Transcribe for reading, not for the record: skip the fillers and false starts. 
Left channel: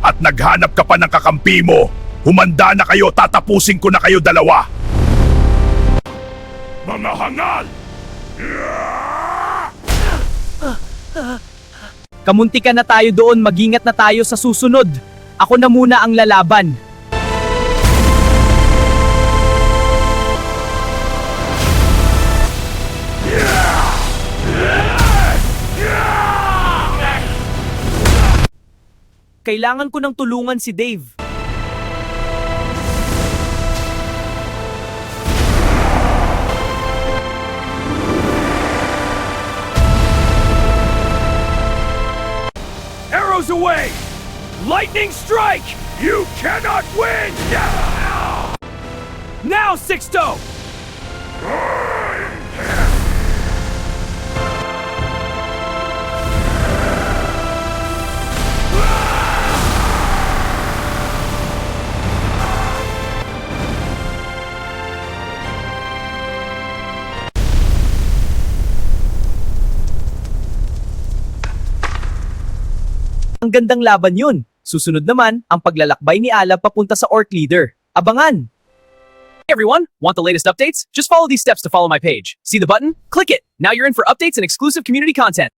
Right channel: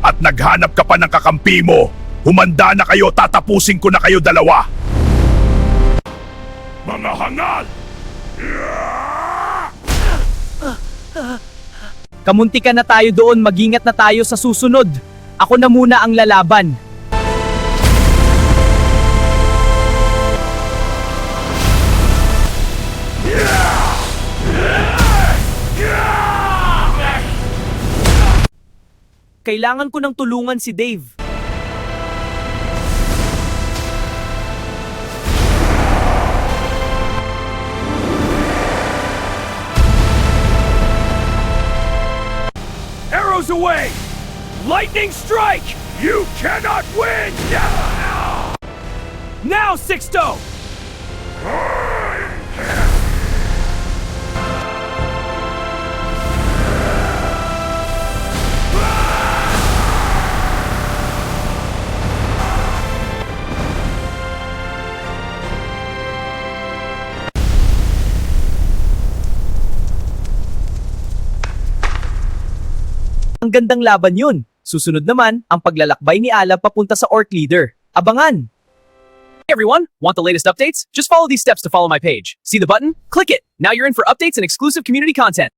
At naghanap ka pa ng kakampi mo. Humanda na kayo, tatapusin ko na kayo dalawa. Mga hangal! Kamuntikan na tayo doon, mag-ingat na tayo sa susunod. Ako na muna ang lalaban. Kailangan ko ng tulungan si Dave. Arrows away! Lightning strike! You cannot win! Now, Sixto! Ang gandang laban yun. Susunod naman, ang paglalakbay ni Alab papunta sa Orc Leader. Abangan! Hey everyone, want the latest updates? Just follow these steps to follow my page. See the button? Click it! Now you're in for updates and exclusive community content.